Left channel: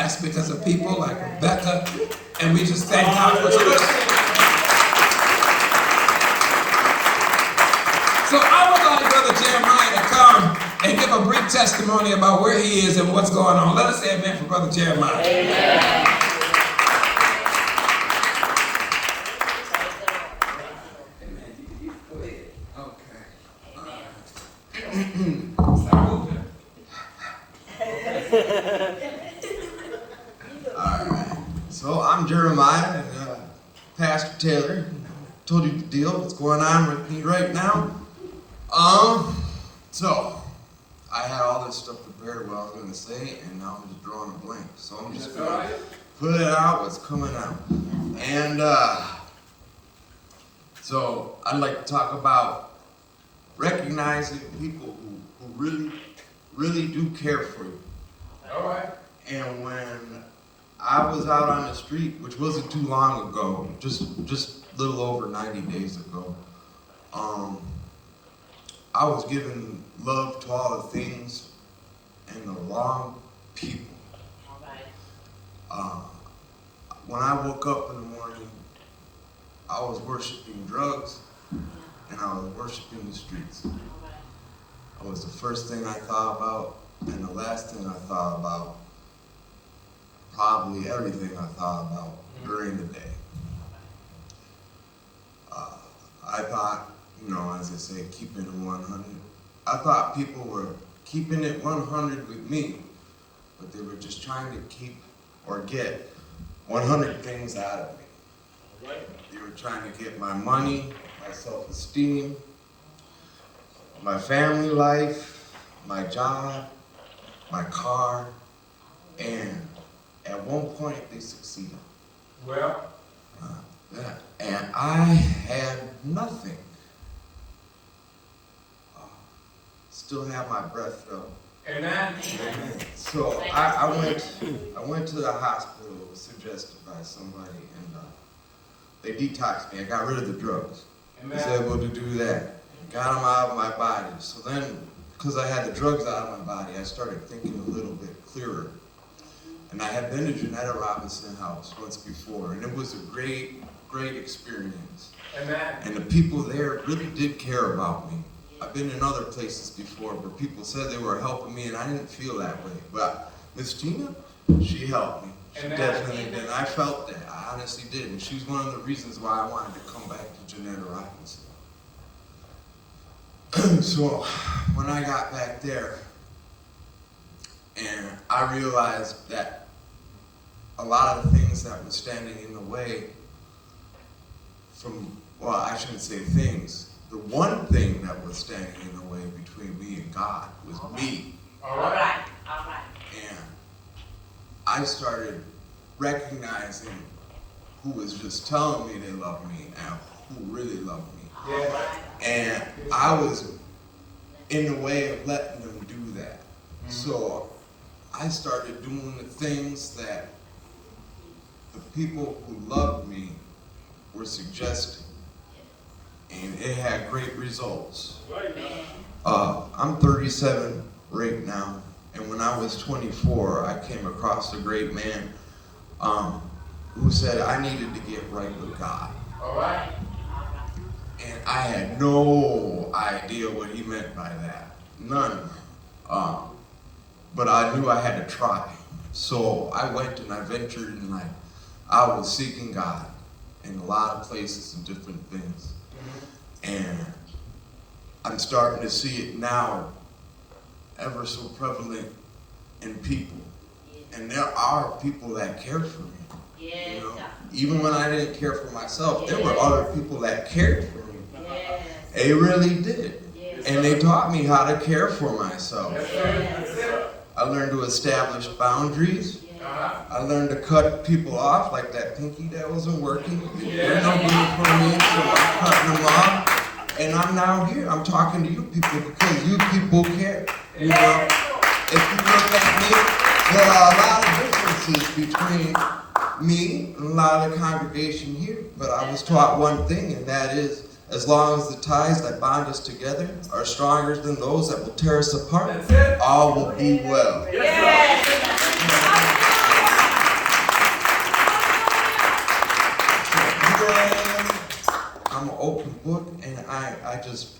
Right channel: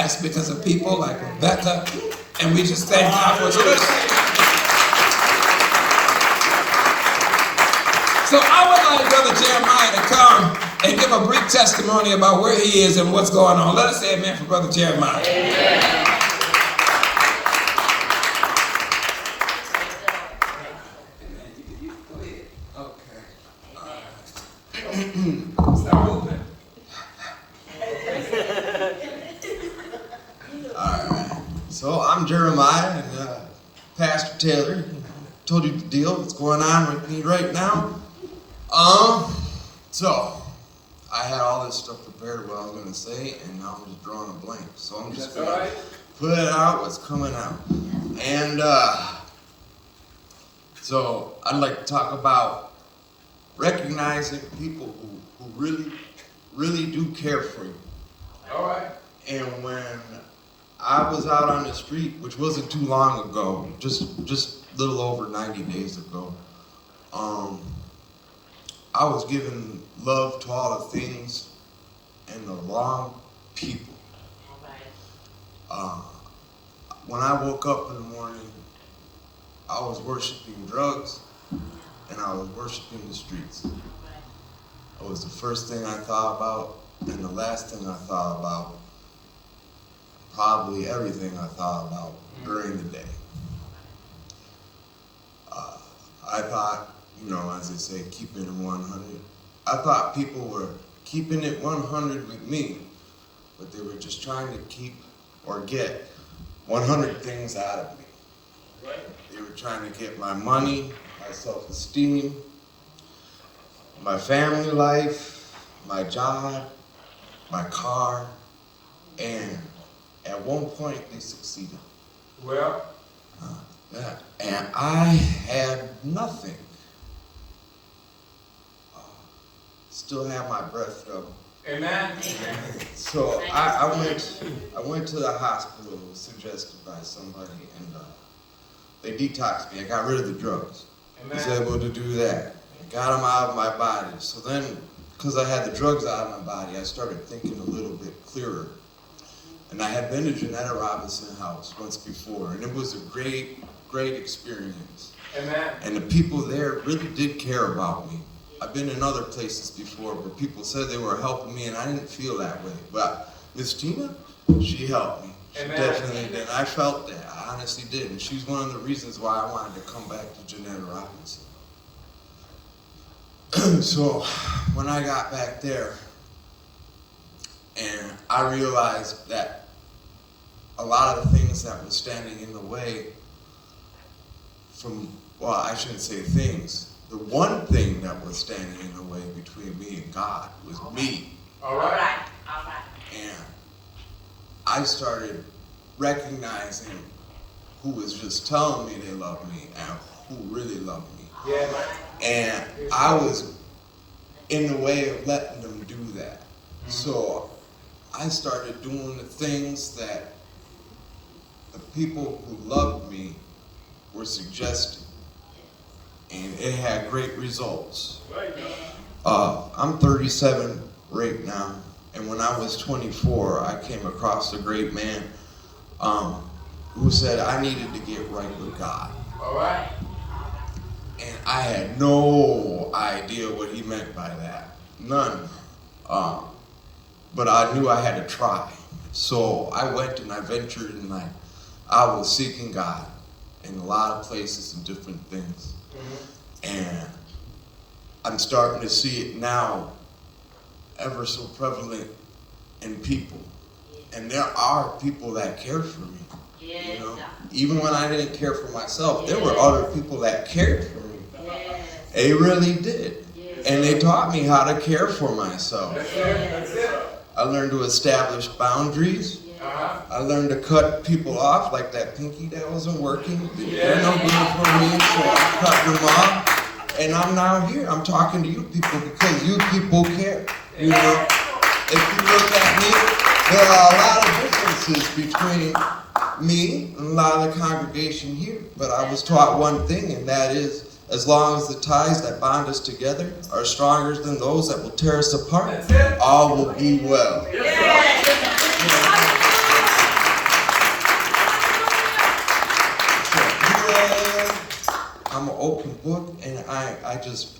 fast because of people like Rebecca, and we just thank God for it. So I would like Brother Jeremiah to come and give a brief testimony about where he is and what's going on. Let us say amen for Brother Jeremiah. Amen. Start moving. Alright. So I'm Jeremiah and Pastor Taylor. Told you the deal, what's going on with me right now. So I had all this stuff prepared what I was gonna say, and now I'm just drawing a blank. So I'm just gonna put it out what's coming out. And so I'd like to talk about recognizing people who really do care for you. All right. And when I was out on the street, which wasn't too long ago, just a little over 90 days ago, I was giving love to all the things and the wrong people. When I woke up in the morning, I was worshiping drugs and I was worshiping the streets. It was the first thing I thought about, and the last thing I thought about, probably everything I thought about during the day. I thought, as they say, keeping it 100. I thought people were keeping it 100 with me, but they were just trying to keep or get 100 things out of me. They were trying to get my money, my self-esteem, my family life, my job, my car, and at one point they succeeded. Well, and I had nothing. Still have my breath though. amen. So I went to the hospital, it was suggested by somebody, and they detoxed me. I got rid of the drugs. Amen. I was able to do that. Got them out of my body. So then, because I had the drugs out of my body, I started thinking a little bit clearer. And I had been to Janetta Robinson House once before, and it was a great experience. Amen. And the people there really did care about me. I've been in other places before where people said they were helping me, and I didn't feel that way. But Miss Tina, she helped me. She Amen. definitely did. And I felt that. I honestly did. And she's one of the reasons why I wanted to come back to Janetta Robinson. So when I got back there, and I realized that a lot of the things that were standing in the way I shouldn't say things. The one thing that was standing in the way between me and God was me. All right. And I started recognizing who was just telling me they loved me and who really loved me. Yeah. And I was in the way of letting them do that. Mm-hmm. So I started doing the things that the people who loved me were suggesting. And it had great results. I'm 37 right now. And when I was 24, I came across a great man who said I needed to get right with God. All right. And I had no idea what he meant by that. None. But I knew I had to try. So I went and I ventured and I was seeking God in a lot of places and different things. Mm-hmm. And I'm starting to see it now ever so prevalent in people. And there are people that care for me. Yes. Even when I didn't care for myself, there were other people that cared for me. Yes. They really did. Yes. And they taught me how to care for myself. That's it. That's it. I learned to establish boundaries. I learned to cut people off, like that pinky that wasn't working. They're not doing it for me, so I cut them off. And I'm now here. I'm talking to you people because you people care. You know, if you look at me, there are a lot of differences between me and a lot of the congregation here. But I was taught one thing, and that is, as long as the ties that bind us together are stronger than those that will tear us apart, all will be well. book, and I just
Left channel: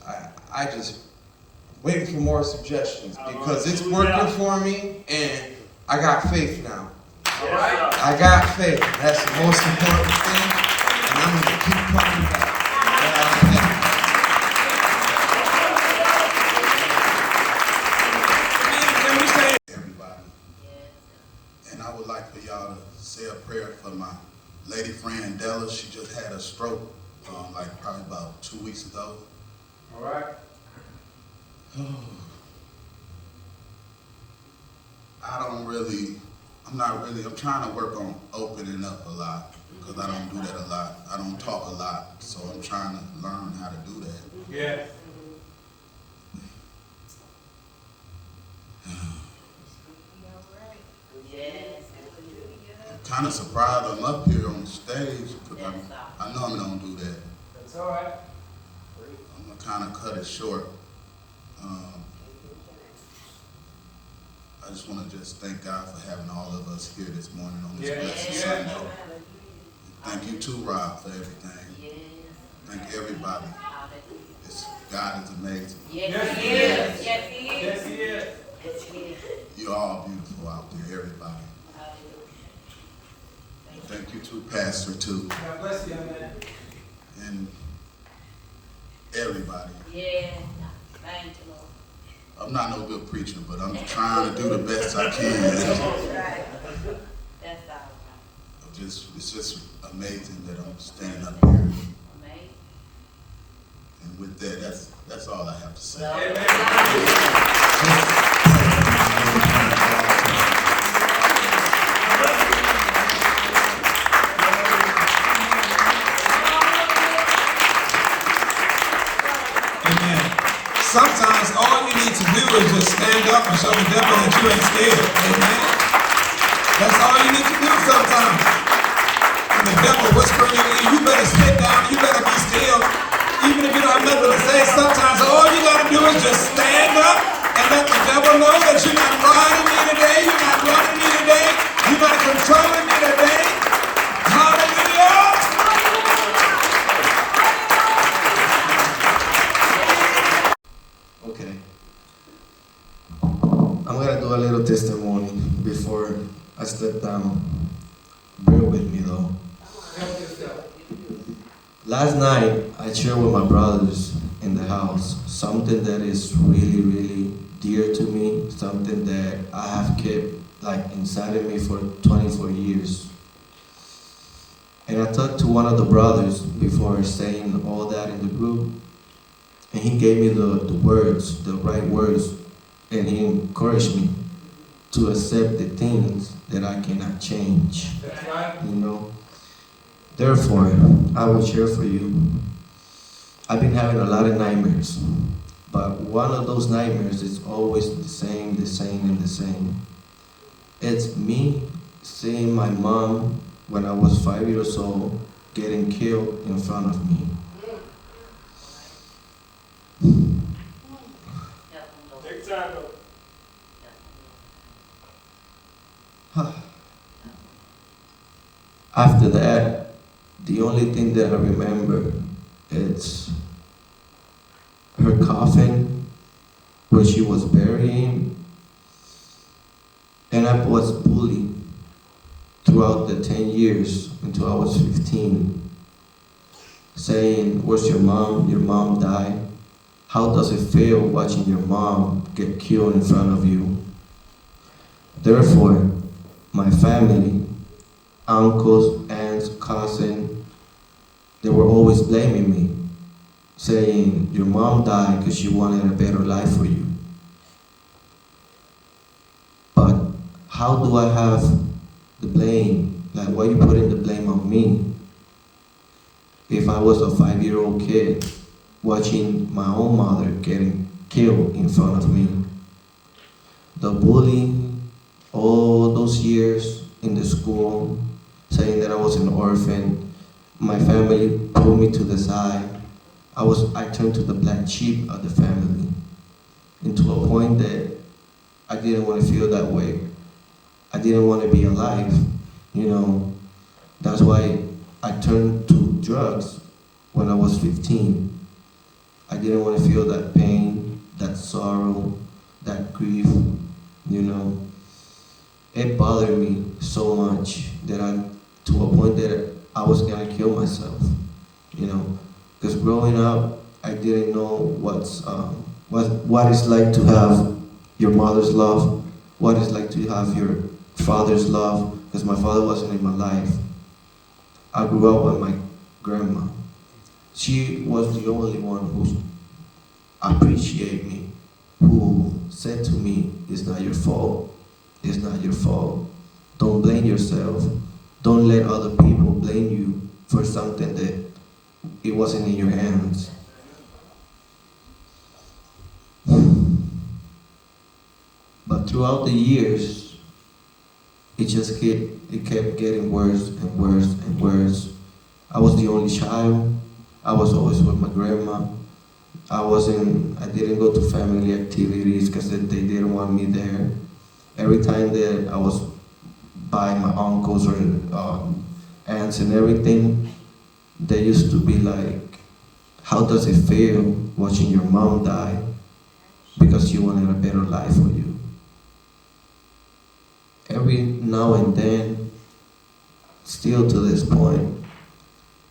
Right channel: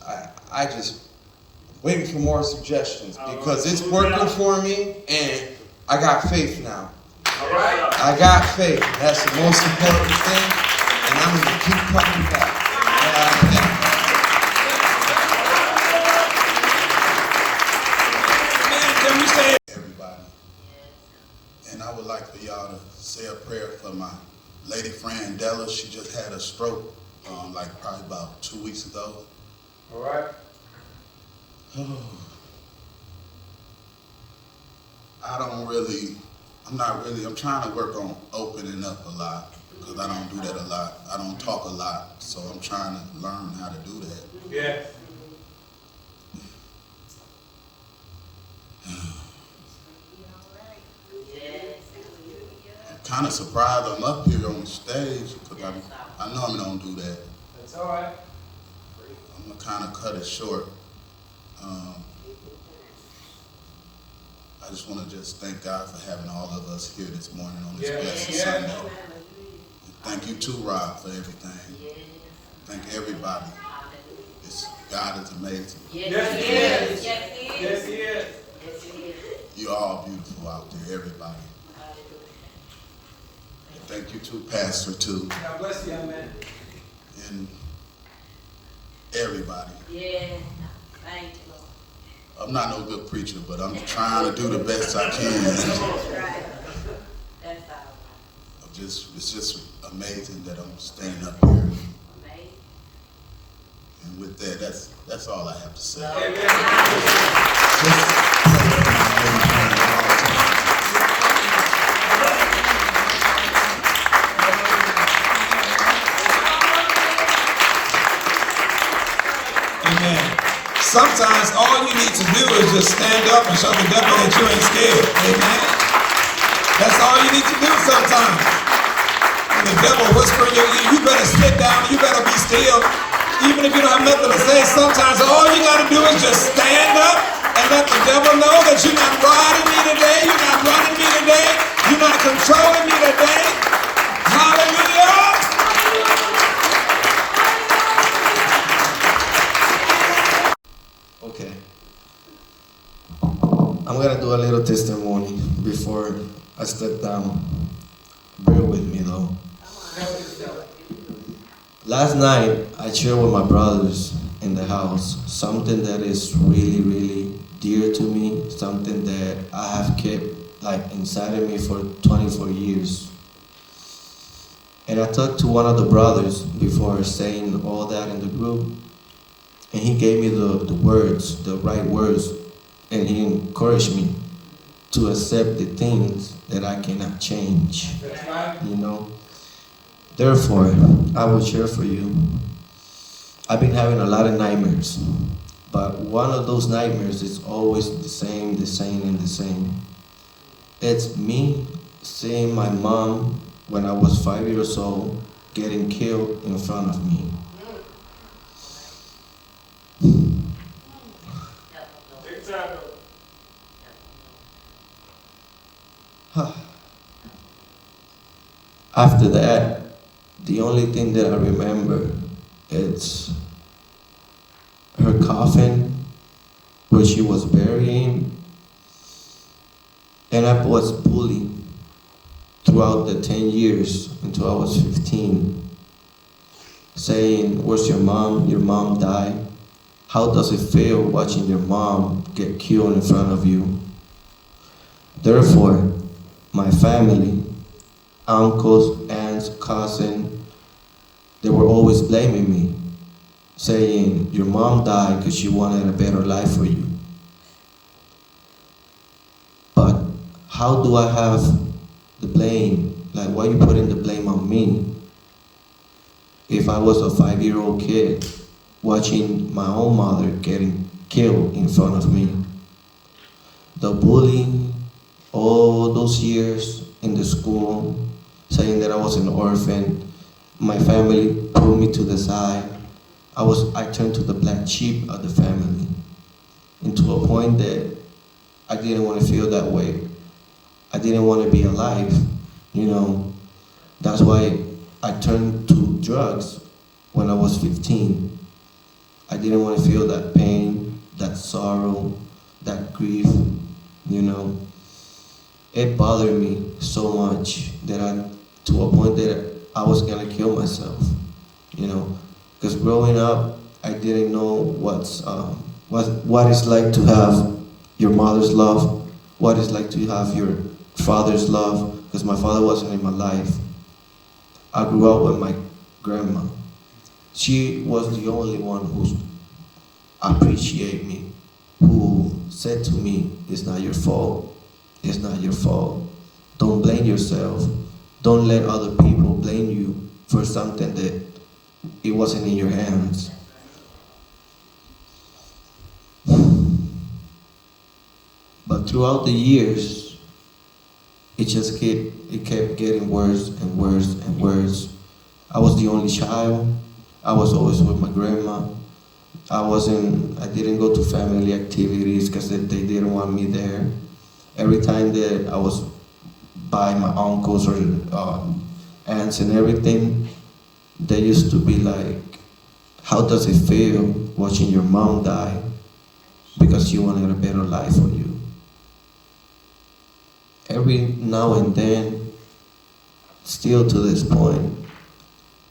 waiting for more suggestions because it's working for me, and I got faith now. All right. I got faith. That's the most important thing, and I'm going to keep coming back. Everybody. And I would like for y'all to say a prayer for my lady friend Della. She just had a stroke probably about 2 weeks ago. All right. I'm trying to work on opening up a lot because I don't do that a lot. I don't talk a lot, so I'm trying to learn how to do that. Yeah. I'm kind of surprised I'm up here on stage because I normally don't do that. That's all right. I'm going to kind of cut it short. I just want to thank God for having all of us here this morning on this blessed Sunday. And thank you too, Rob, for everything. Thank everybody. God is amazing. Yes, He is. Yes, He is. Yes, He is. You're all beautiful out there, everybody. Thank you too, Pastor, too. God bless you, young man. And everybody. Yeah, thank you, Lord. I'm not no good preacher, but I'm trying to do the best I can. That's all right. It's just amazing that I'm standing up here. Amazing. And with that, that's all I have to say. Amen. Sometimes all you need to do is just stand up and show the devil that you ain't scared. Amen. That's all you need to do sometimes. And the devil whispering in your ear, you better sit down, you better be still. Even if you don't have nothing to say, sometimes all you got to do is just stand up and let the devil know that you're not riding me today, you're not running me today, you're not controlling me today. Hallelujah. Okay. I'm gonna do a little testimony before I step down. Bear with me though. Last night I shared with my brothers in the house something that is really, really dear to me, something that I have kept inside of me for 24 years. And I talked to one of the brothers before saying all that in the group. And he gave me the words, the right words, and he encouraged me to accept the things that I cannot change. That's right. You know? Therefore, I will share for you. I've been having a lot of nightmares, but one of those nightmares is always the same, and the same. It's me seeing my mom when I was 5 years old getting killed in front of me. Take time, After that, the only thing that I remember is her coffin where she was burying, and I was bullied throughout the 10 years until I was 15, saying, "Where's your mom? Your mom died. How does it feel watching your mom get killed in front of you?" Therefore, my family, uncles, aunts, cousins, they were always blaming me, saying, "Your mom died because she wanted a better life for you." But how do I have the blame? Why are you putting the blame on me? If I was a 5-year-old kid watching my own mother getting killed in front of me. The bullying, all those years in the school, saying that I was an orphan, my family pulled me to the side. I turned to the black sheep of the family, and to a point that I didn't want to feel that way. I didn't want to be alive, That's why I turned to drugs when I was 15. me so much that to a point that I was gonna kill myself, you know, because growing up, I didn't know what it's like to have your mother's love, what it's like to have your father's love, because my father wasn't in my life. I grew up with my grandma. She was the only one who appreciated me, who said to me, it's not your fault, it's not your fault. Don't blame yourself. Don't let other people blame you for something that it wasn't in your hands. But throughout the years, it kept getting worse and worse and worse. I was the only child. I was always with my grandma. I didn't go to family activities because they didn't want me there. Every time that I was by my uncles or aunts and everything, they used to be like, how does it feel watching your mom die because she wanted a better life for you? Every now and then, still to this point,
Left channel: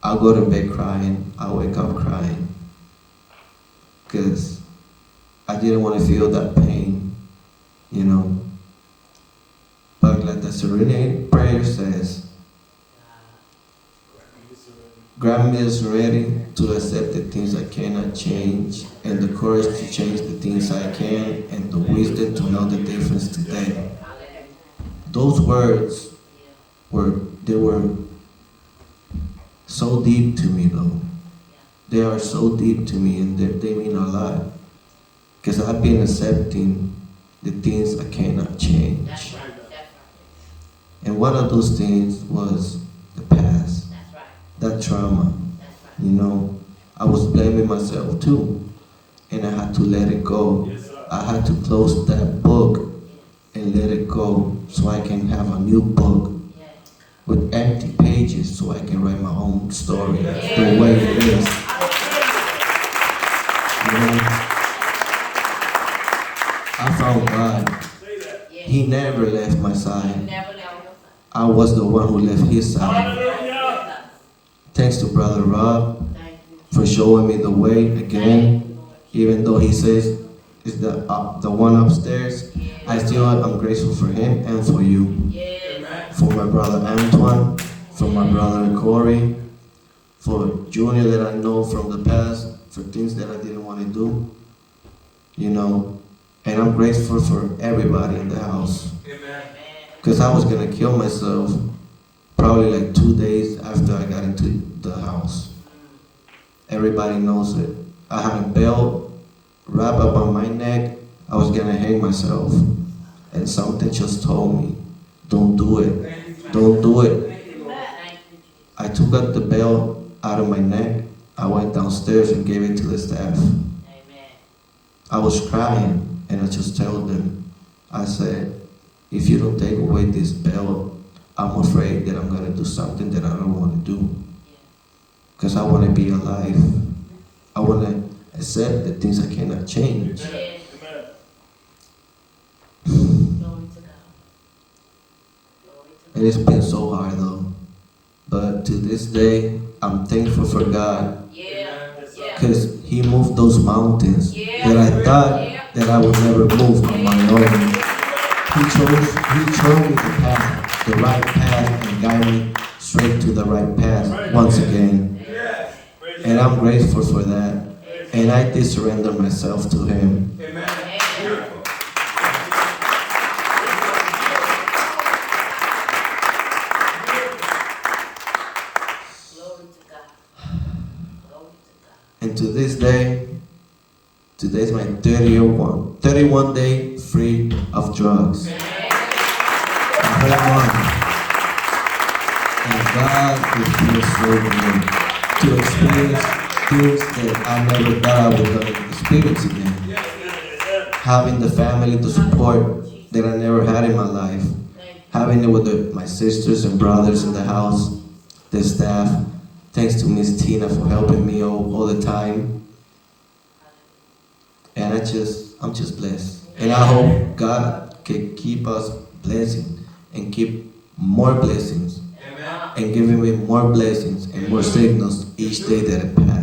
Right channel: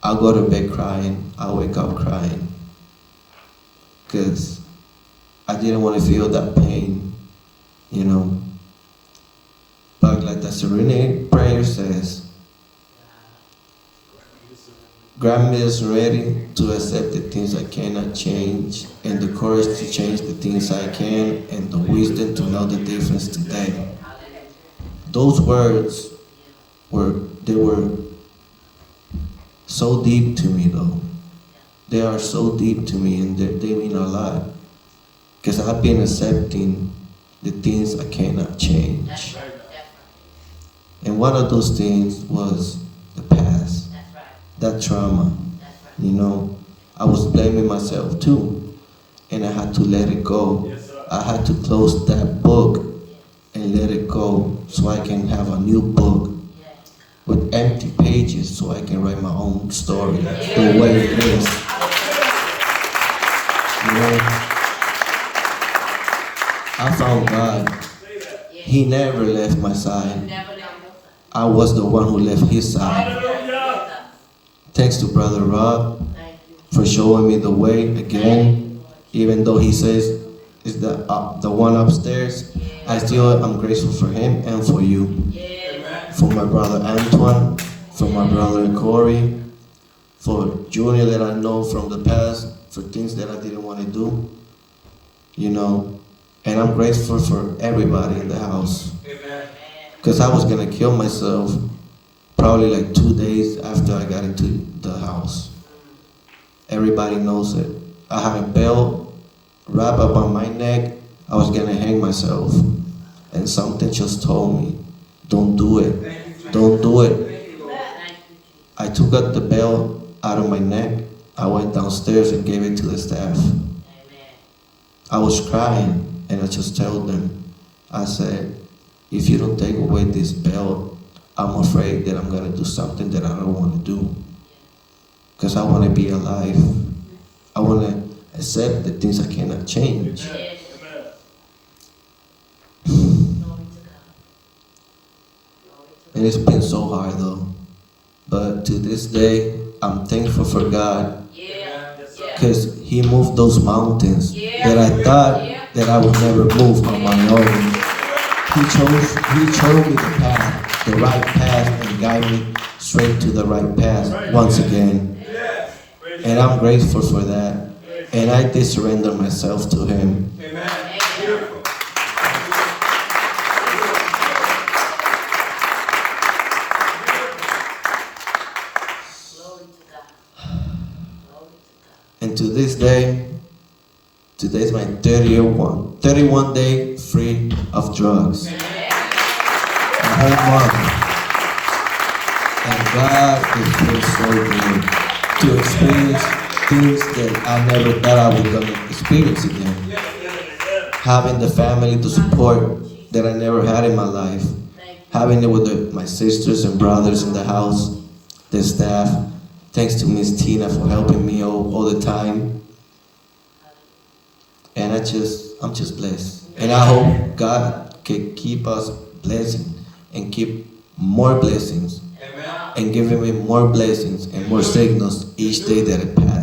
I go to bed crying, I wake up crying, because I didn't want to feel that pain, you know. But like the serenity prayer says, grant me the serenity to accept the things I cannot change, and the courage to change the things I can, and the wisdom to know the difference today. Those words were so deep to me though. They are so deep to me, and they mean a lot. Because I've been accepting the things I cannot change. And one of those things was the past. That trauma. You know, I was blaming myself too. And I had to let it go. I had to close that book and let it go so I can have a new book with empty pages so I can write my own story the way it is. You know, I found God. He never left my side. I was the one who left his side. Thanks to Brother Rob for showing me the way again, even though he says it's the one upstairs. I still am grateful for him and for you. For my brother Antoine, for my brother Corey, for Junior that I know from the past, for things that I didn't want to do, you know. And I'm grateful for everybody in the house. Because I was going to kill myself probably like 2 days after I got into the house. Everybody knows it. I had a belt wrapped up on my neck. I was going to hang myself. And something just told me, don't do it. Don't do it. I took out the belt out of my neck. I went downstairs and gave it to the staff. I was crying, and I just told them, I said, if you don't take away this belt, I'm afraid that I'm going to do something that I don't want to do. Because I want to be alive. I want to accept the things I cannot change. And it's been so hard though. But to this day, I'm thankful for God. Because He moved those mountains that I thought that I would never move on my own. He showed me the path, the right path, and guided me straight to the right path once again. And I'm grateful for that. And I did surrender myself to Him. And to this day, today's my 31 day free of drugs. And God has been so good to experience things that I never thought I was going to experience again. Having the family to support that I never had in my life. Having it with my sisters and brothers in the house, the staff. Thanks to Miss Tina for helping me all the time. And I'm just blessed. And I hope God can keep us blessing and keep more blessings Amen. and giving me more blessings and more signals each day that it passes.